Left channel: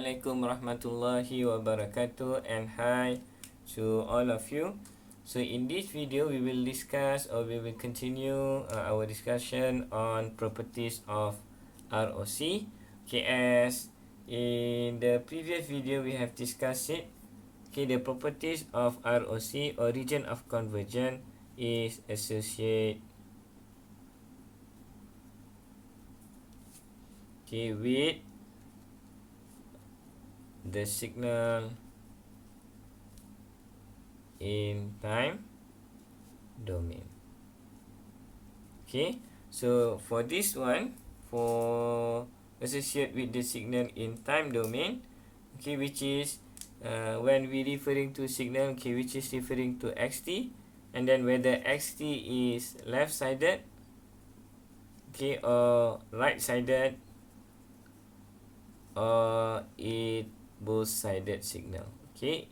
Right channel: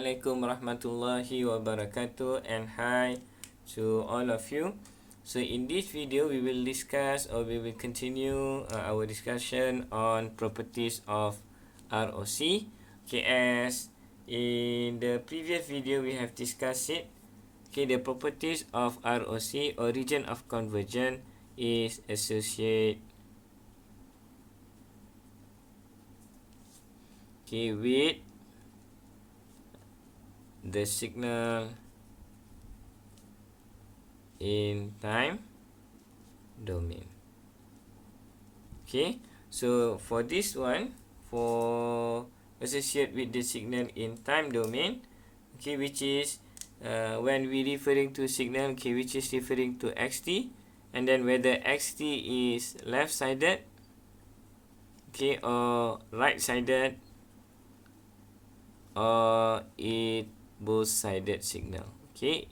Assalamualaikum warahmatullahi wabarakatuh, and hi to all of you. So in this video we will discuss, or we will continue our discussion on properties of ROC. Okay, as in the previous video we have discussed it. Okay, the properties of ROC, or region of convergence, is associated with the signal in time domain. Okay, so for this one, for associate with the signal in time domain, okay, which is when we referring to signal, okay, which is referring to xt, and then whether xt is left sided, okay, or right sided, or it both sided signal. Okay,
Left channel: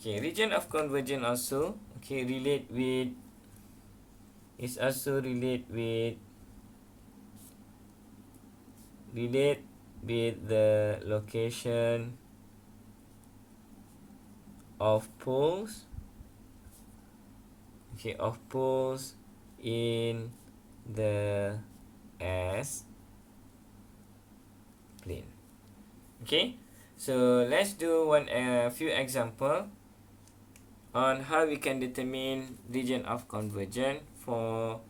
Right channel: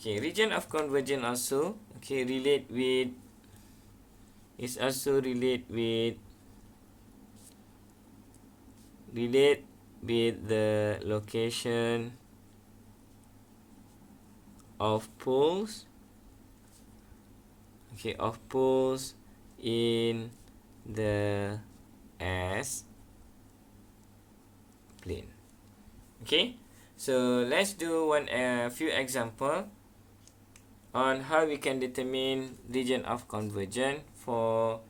region of convergence also, okay, relate with the location of poles, okay, in the S plane. Okay, so let's do few example on how we can determine region of convergence for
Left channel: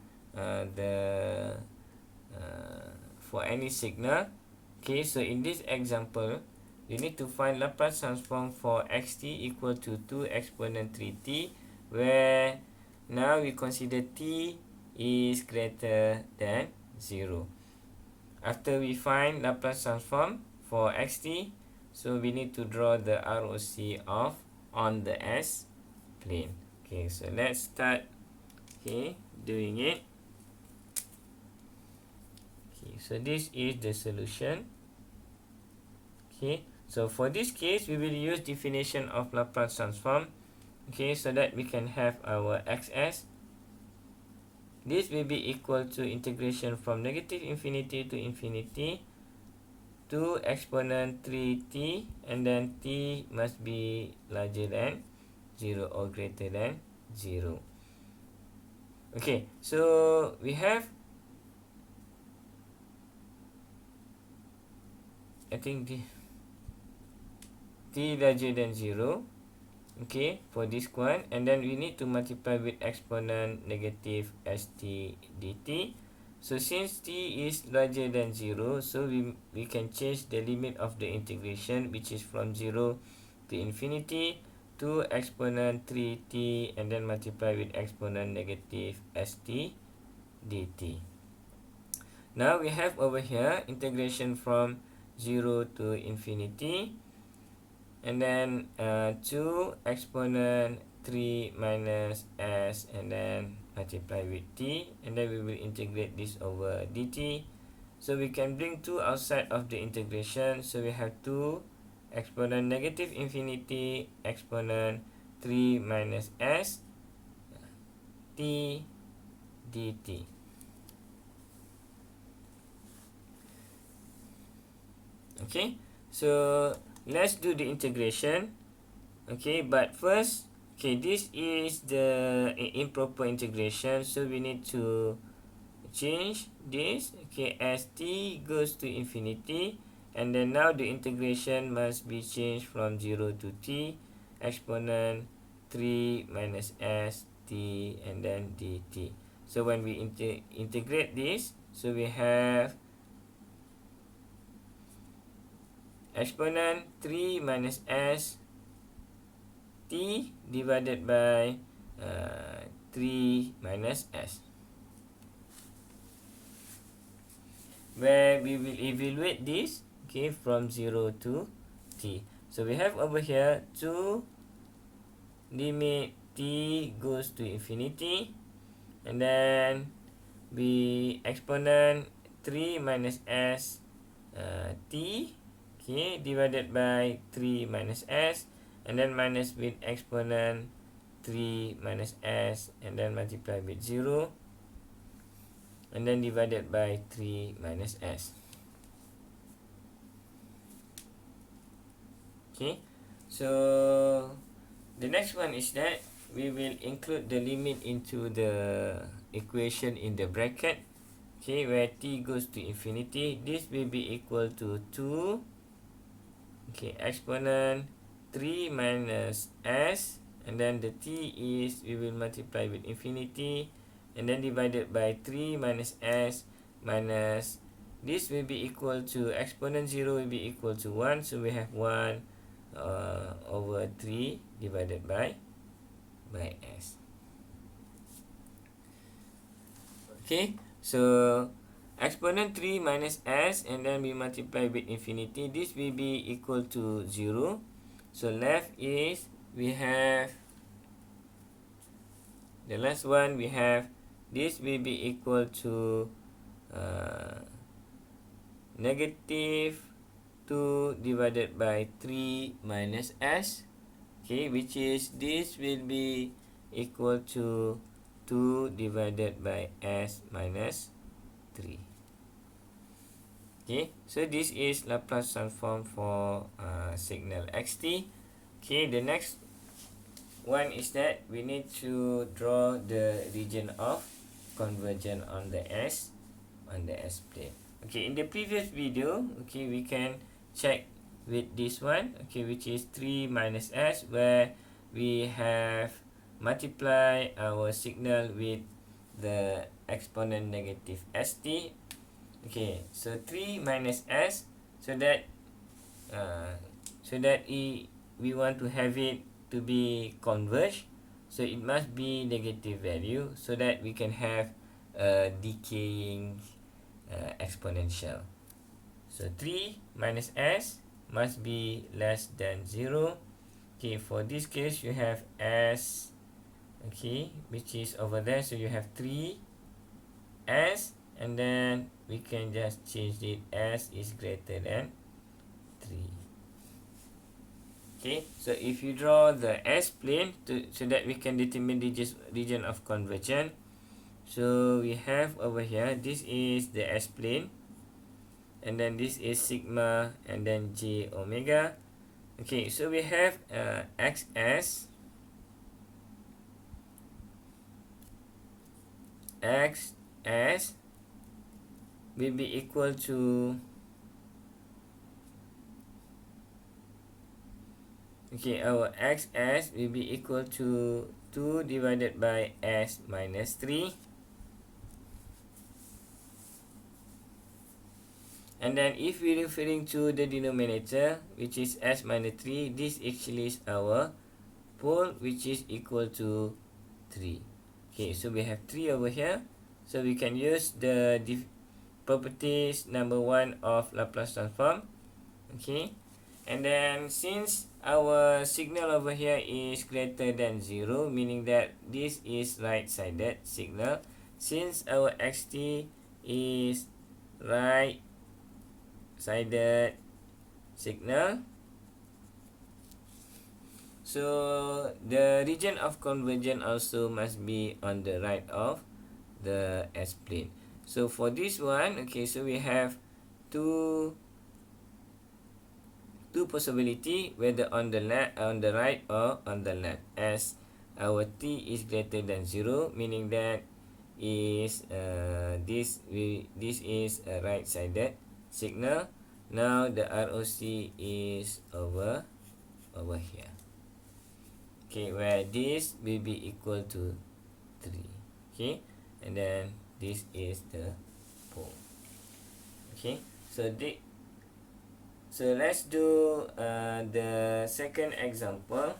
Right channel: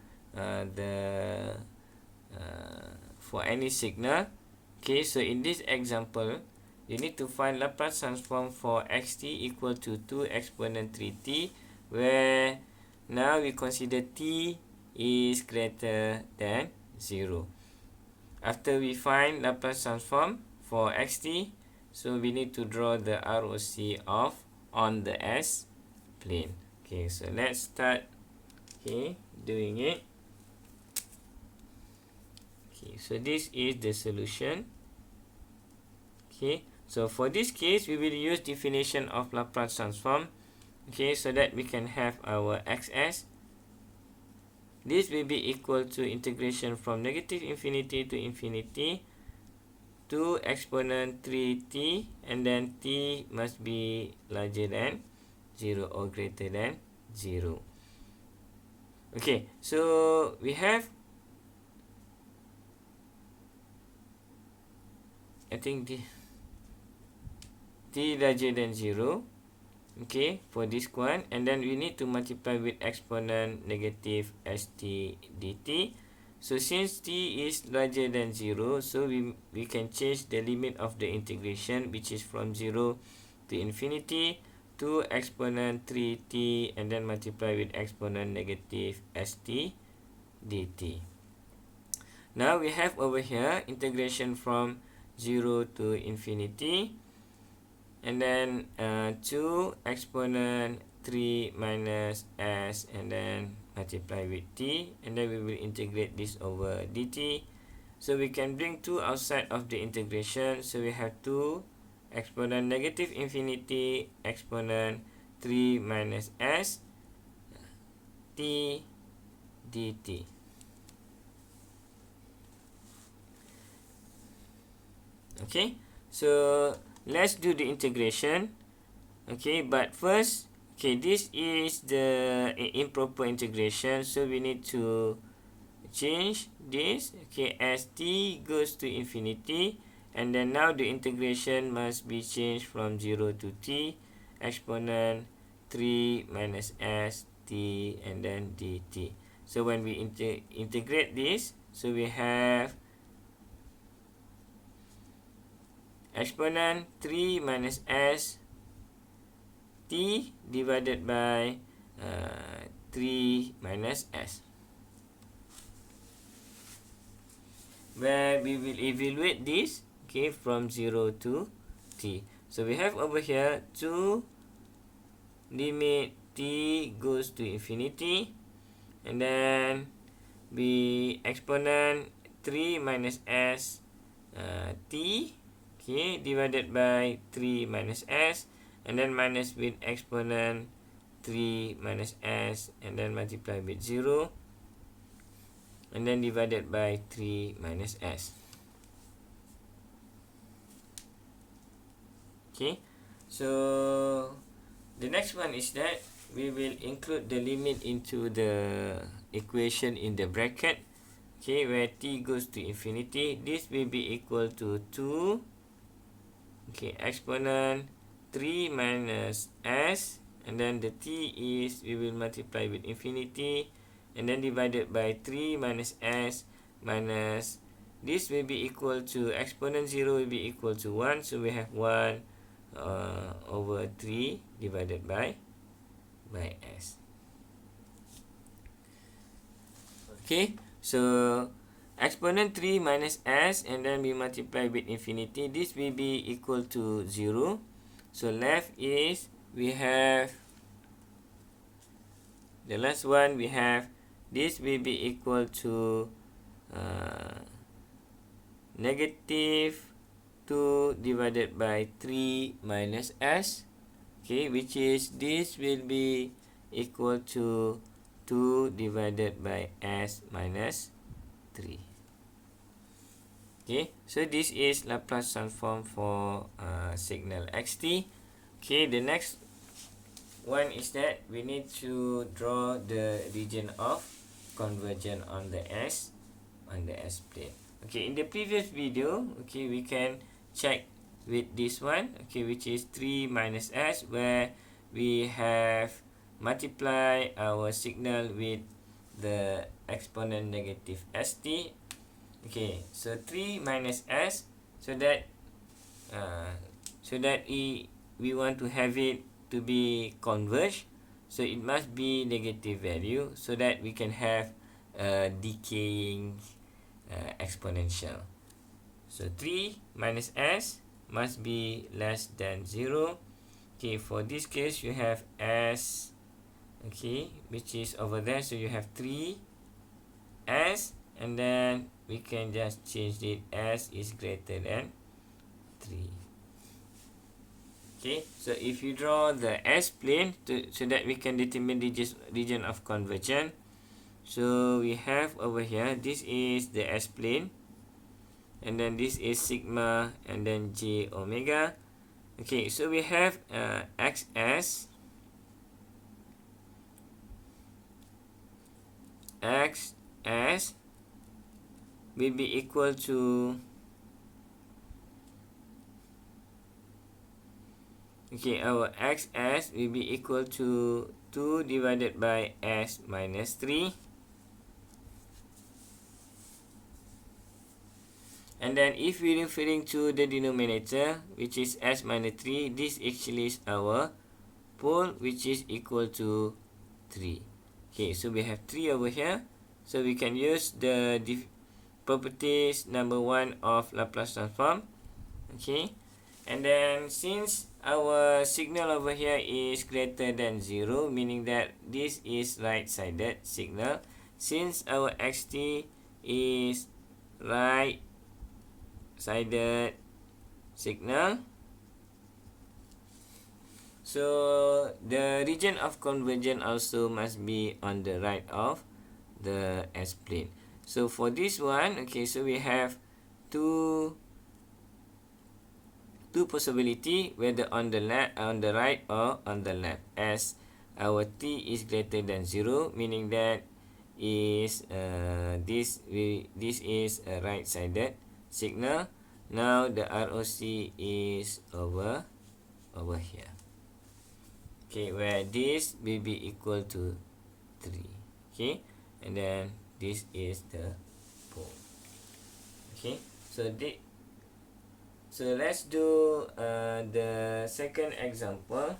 for any signal. Okay, so in this example, you need to find Laplace transform for xt equal to 2 exponent 3t, where now we consider t is greater than 0. After we find Laplace transform for xt, so we need to draw the ROC of on the S plane. Okay, so let's start doing it. Okay, so this is the solution. Okay, so for this case we will use definition of Laplace transform, okay, so that we can have our xs. This will be equal to integration from negative infinity to infinity 2 exponent 3t, and then t must be larger than 0 or greater than 0. Okay, so we have, I think the t larger than 0, okay, for this one, and then we need to multiply with exponent negative st dt. So since t is larger than 0, so we can change the limit of the integration, which is from 0 to infinity, to exponent 3t, and then multiply with exponent negative st dt. Now we have over here integration from 0 to infinity, and then 2 exponent 3 minus s, and then multiply with t, and then we will integrate this over dt. So we can bring 2 outside of the integration, so we have 2 exponent negative infinity exponent 3 minus s t dt. Okay, so let's do the integration. Okay, but first, okay, this is the improper integration, so we need to change this, okay, as t goes to infinity, and then now the integration must be changed from 0 to t exponent 3 minus s t, and then dt. So when we integrate this, so we have exponent 3 minus s t divided by 3 minus s, where we will evaluate this, okay, from 0 to t. So we have over here 2 limit t goes to infinity, and then we exponent 3 minus s t, okay, divided by 3 minus s, and then minus with exponent 3 minus s, and then multiply with 0, and then divided by 3 minus s. Okay, so the next one is that we will include the limit into the equation in the bracket. Okay, where t goes to infinity, this will be equal to 2, okay, exponent 3 minus s, and then the t is, we will multiply with infinity, and then divided by 3 minus s minus, this will be equal to, exponent 0 will be equal to 1, so we have 1 over 3 divided by s. Okay, so exponent 3 minus s, and then we multiply with infinity, this will be equal to 0. So left is, we have the last one, we have this will be equal to negative 2 divided by 3 minus s, okay, which is, this will be equal to 2 divided by s minus 3. Okay, so this is Laplace transform for signal xt. Okay, the next one is that we need to draw the region of convergence on the s plane. Okay, in the previous video, okay, we can check with this one, okay, which is 3 minus s, where we have multiply our signal with the exponent negative st. Okay, so 3 minus s, so that we want to have it to be converged, so it must be negative value, so that we can have a decaying exponential. So 3 minus s must be less than 0. Okay, for this case you have s, okay, which is over there, so you have 3 s, and then we can just change it, s is greater than 3. Okay, so if you draw the s plane so that we can determine the region of convergence, so we have over here, this is the s plane, and then this is sigma, and then j omega. Okay, so we have xs, will be equal to, okay, our xs will be equal to 2 divided by s minus 3. And then if we're referring to the denominator, which is s minus 3, this actually is our pole, which is equal to 3. Okay, so we have 3 over here. So we can use the properties number 1 of Laplace transform. Okay, and then since our signal over here is greater than 0, meaning that this is right-sided signal, since our xt is right-sided signal, so the region of convergence also must be on the right of the s plane. So for this one, okay, so we have two possibility, whether on the left, on the right, or on the left, as our t is greater than 0, meaning that is this is a right-sided signal. Now the ROC is over here. Okay, where this will be equal to 3. Okay, and then this is the pole. Okay, so let's do the second example.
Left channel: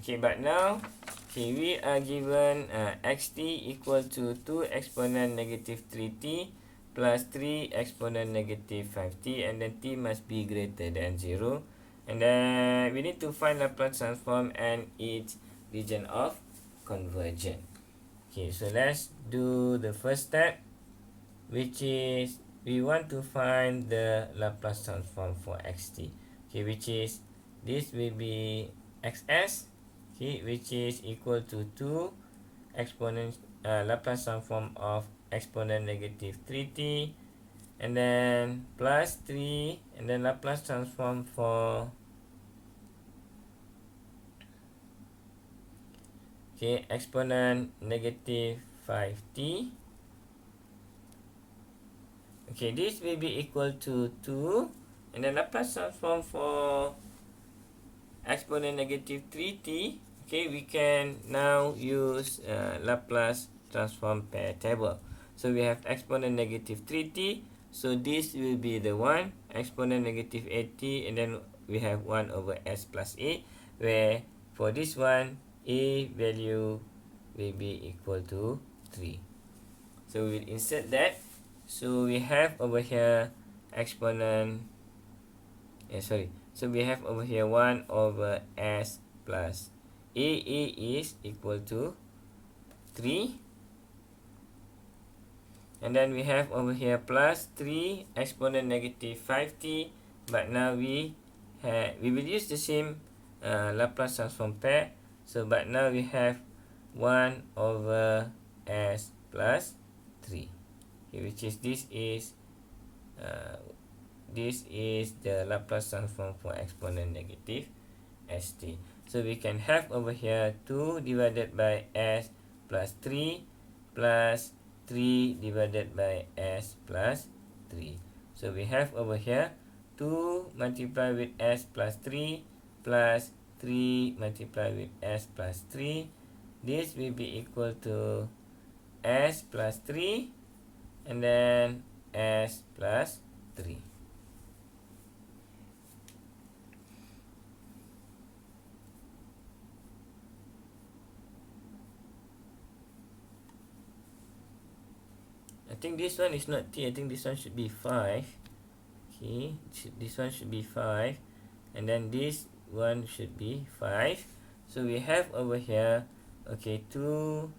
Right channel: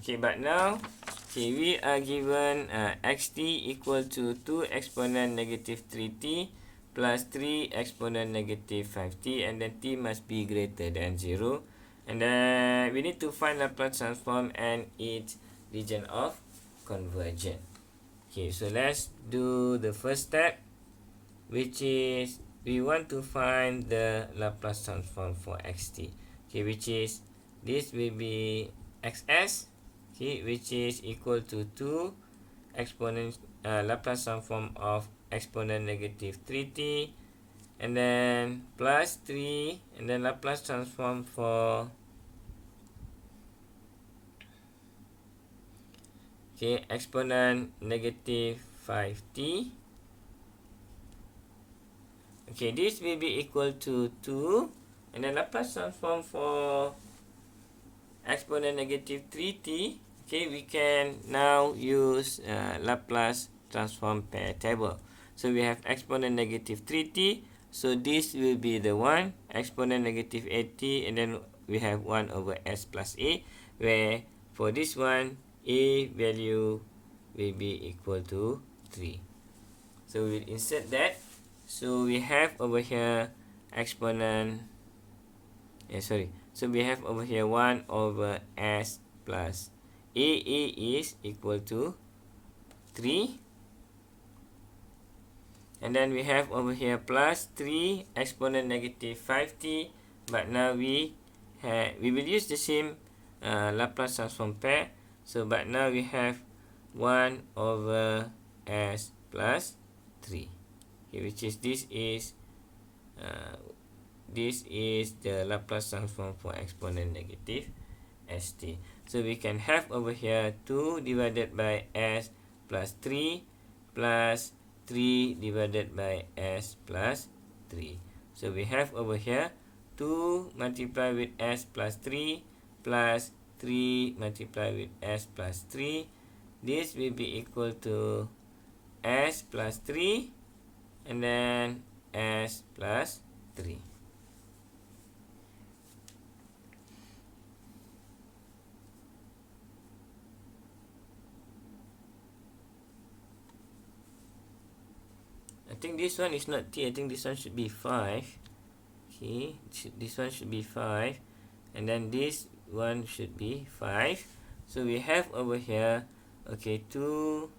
Okay, but now, okay, we are given xt equal to 2 exponent negative 3t plus 3 exponent negative 5t, and then t must be greater than 0. And then we need to find Laplace transform and its region of convergence. Okay, so let's do the first step, which is we want to find the Laplace transform for xt. Okay, which is, this will be xs, okay, which is equal to 2 exponent Laplace transform of exponent negative 3t, and then plus 3, and then Laplace transform for exponent negative 5t. Okay, this will be equal to 2, and then Laplace transform for exponent negative 3t. Okay, we can now use Laplace transform pair table. So we have exponent negative 3t, so this will be the one, exponent negative 8t, and then we have 1 over s plus a, where for this one, a value will be equal to 3. So we'll insert that. So we have over here exponent, so we have over here 1 over s plus a is equal to 3. And then we have over here plus 3 exponent negative 5t. But now we will use the same Laplace transform pair. So but now we have 1 over s plus 3. Okay, which is this is the Laplace transform for exponent negative st. So we can have over here 2 divided by s plus 3 plus 3 divided by s plus 3. So we have over here 2 multiplied with s plus 3 plus 3 multiplied with s plus 3. This will be equal to s plus 3 and then s plus 3. I think this one is not t. I think this one should be 5. Okay, this one should be 5, and then this one should be 5. So we have over here, okay, 2s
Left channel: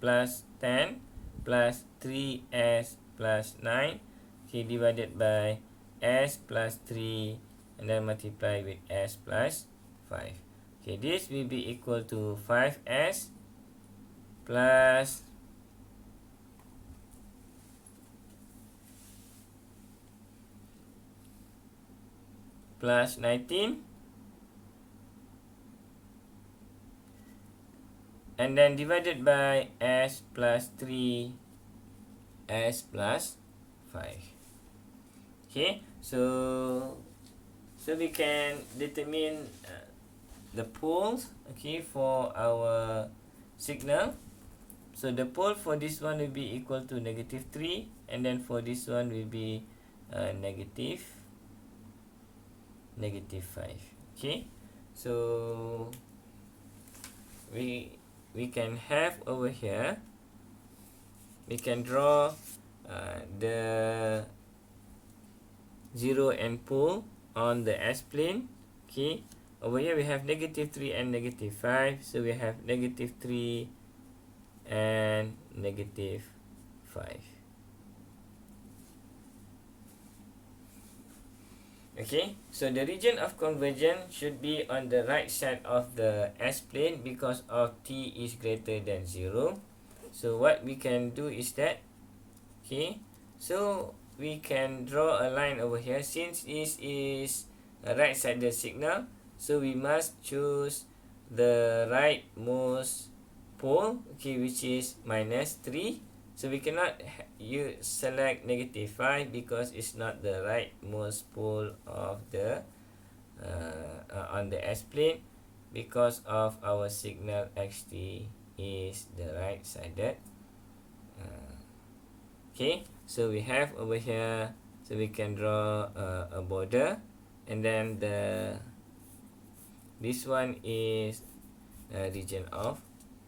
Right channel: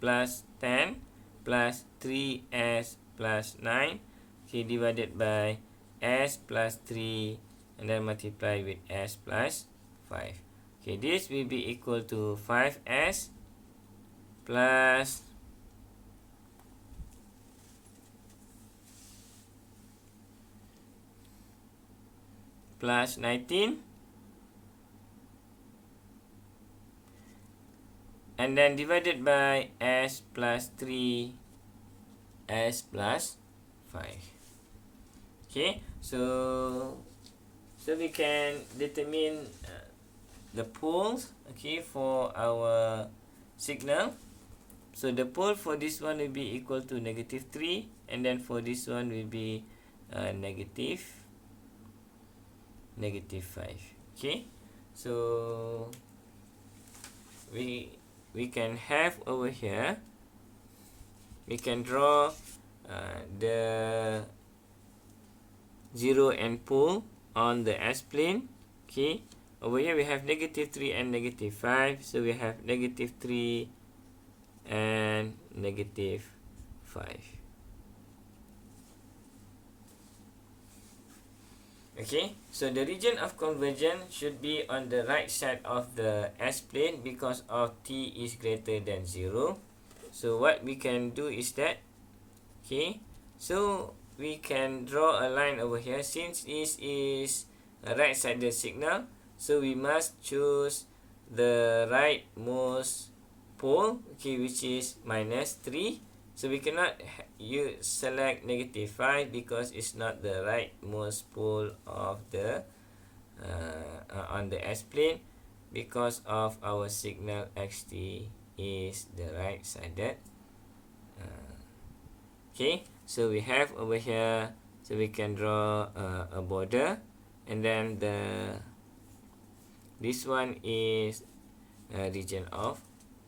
plus 10 plus 3s plus 9, okay, divided by s plus 3 and then multiply with s plus 5. Okay, this will be equal to 5s plus 19, and then divided by s plus 3 s plus 5. Okay, so we can determine the poles, okay, for our signal. So the pole for this one will be equal to negative 3, and then for this one will be negative 5. Okay, so we can have over here, we can draw the 0 and pole on the s-plane. Okay, over here we have negative 3 and negative 5, so we have negative 3 and negative 5. Okay, so the region of convergence should be on the right side of the s-plane because of t is greater than 0. So what we can do is that, okay, so we can draw a line over here. Since this is a right-sided signal, so we must choose the rightmost pole, okay, which is minus 3. So we cannot select negative 5 because it's not the rightmost pole of the on the s-plane, because of our signal xt is the right-sided. Okay, so we have over here, so we can draw a border, and then this one is a region of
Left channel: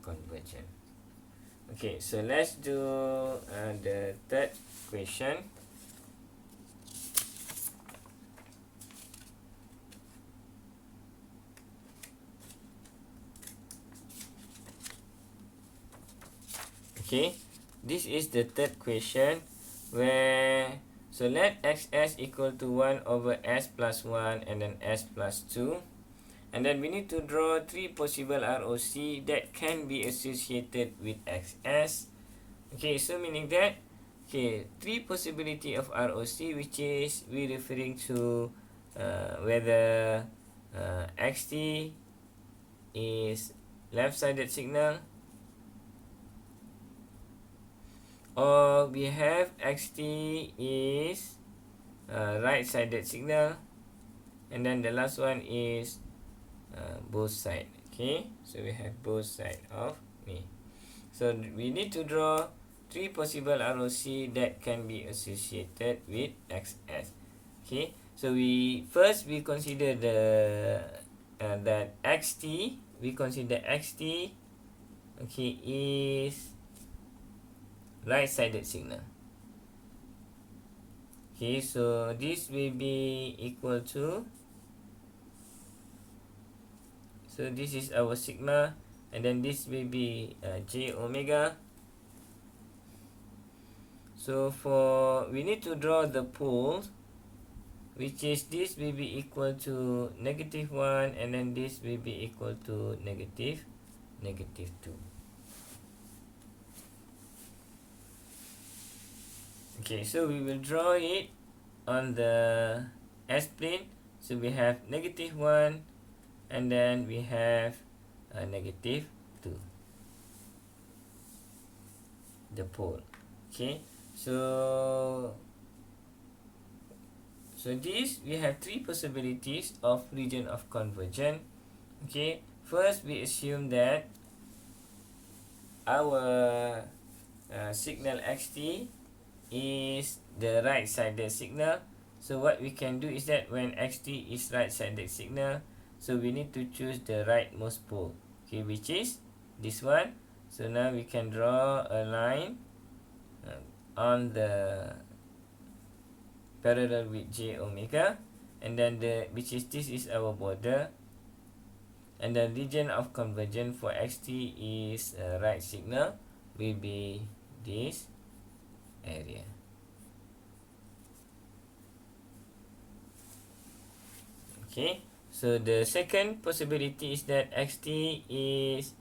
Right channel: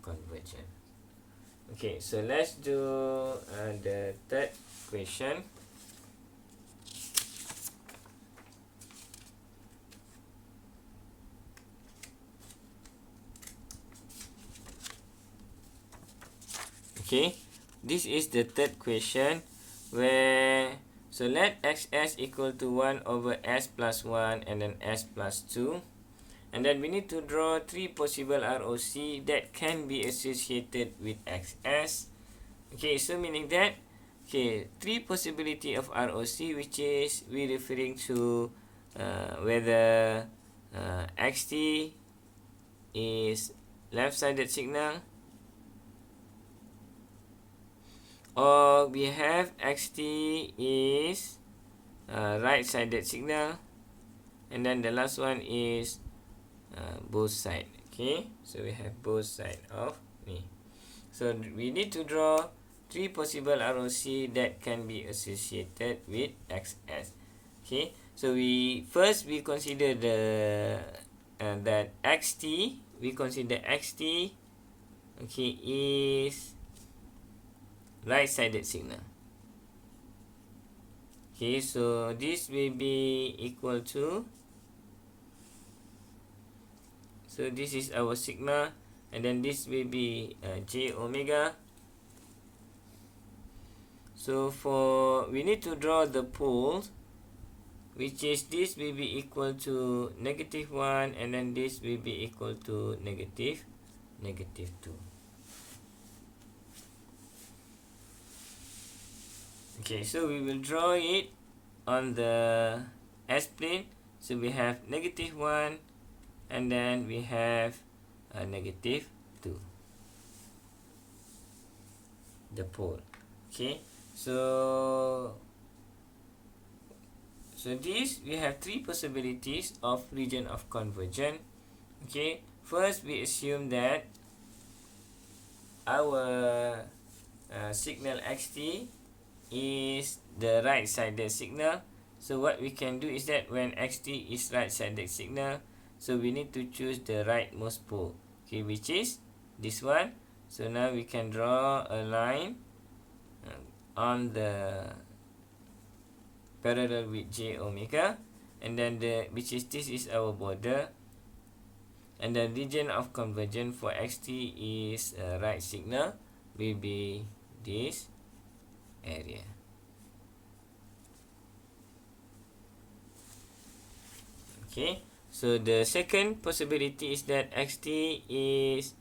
convergence. Okay, so let's do the third question. Okay, this is the third question where, so let xs equal to 1 over s plus 1 and then s plus 2, And then we need to draw 3 possible ROC that can be associated with XS. Okay, so meaning that, okay, 3 possibility of ROC, which is we referring to whether XT is left-sided signal, or we have XT is right-sided signal, and then the last one is both side. Okay, so we have both side of me. So we need to draw 3 possible ROC that can be associated with XS. Okay, so we consider that XT, we consider XT, okay, is right-sided signal. Okay, so this will be equal to, so this is our sigma, and then this will be J omega. So for, we need to draw the poles, which is this will be equal to -1, and then this will be equal to negative 2. Okay, so we will draw it on the S-plane. So we have -1, and then we have -2, the pole. Okay, so this, we have 3 possibilities of region of convergence. Okay, first we assume that our signal XT is the right-sided signal. So what we can do is that when XT is right-sided signal, so we need to choose the rightmost pole, okay, which is this one. So now we can draw a line on the parallel with J omega, and then which is, this is our border, and the region of convergence for XT is right signal will be this area. Okay, so the second possibility is that XT is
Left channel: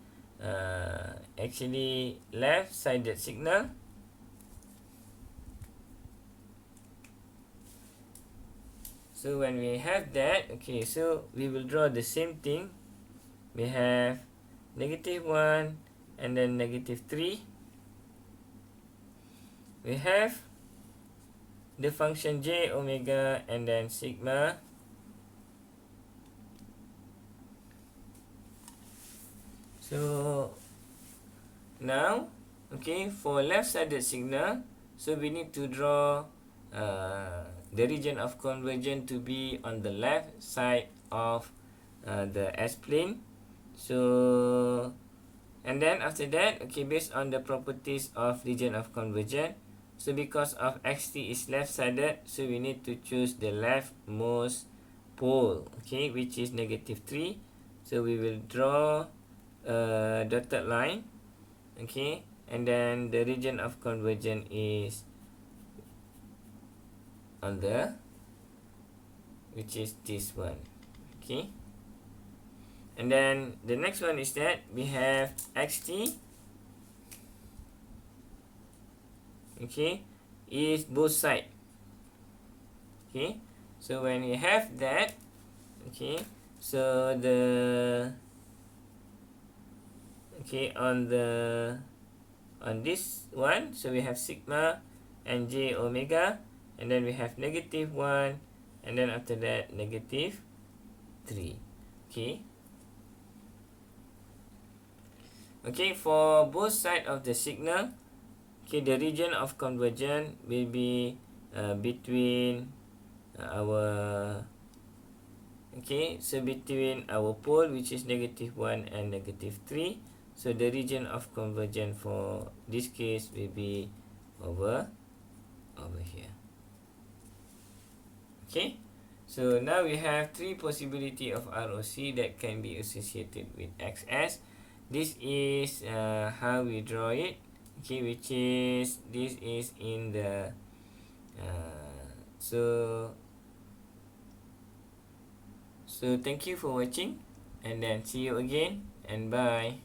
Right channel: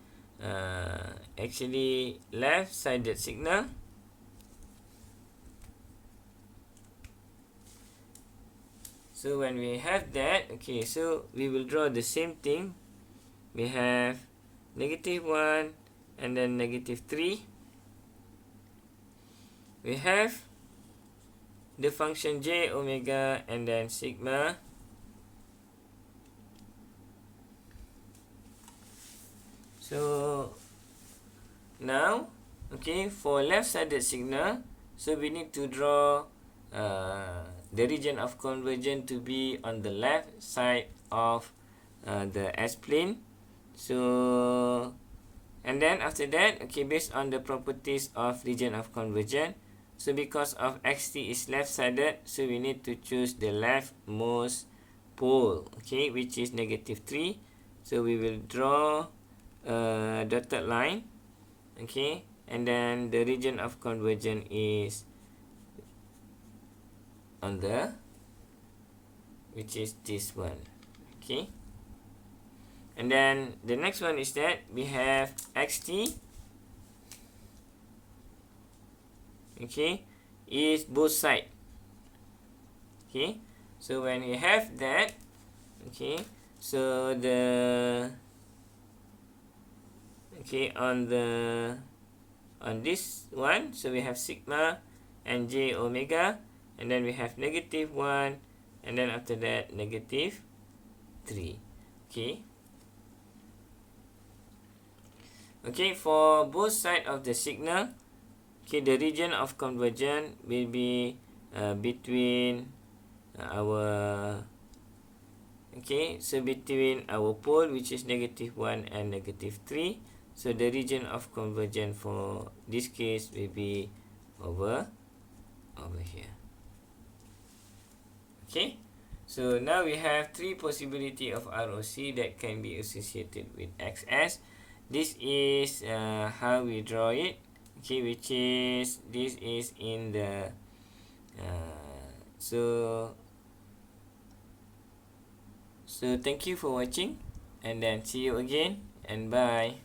actually left-sided signal. So when we have that, okay, so we will draw the same thing. We have -1 and then -3. We have the function J omega and then sigma. So now, okay, for left-sided signal, so we need to draw the region of convergence to be on the left side of the S-plane. So, and then after that, okay, based on the properties of region of convergence, so because of XT is left-sided, so we need to choose the leftmost pole, okay, which is -3. So we will draw a dotted line, okay, and then the region of convergence is on the, which is this one, okay. And then the next one is that we have XT, okay, is both side. Okay, so when we have that, okay, so the, okay, on this one, so we have sigma and J omega, and then we have -1, and then after that -3. Okay. Okay, for both side of the signal, okay, the region of convergence will be between our, okay, so between our pole, which is -1 and -3. So the region of convergence for this case will be over here. Okay, so now we have 3 possibility of ROC that can be associated with XS. This is how we draw it, okay, which is, this is in the so thank you for watching. And then see you again and bye.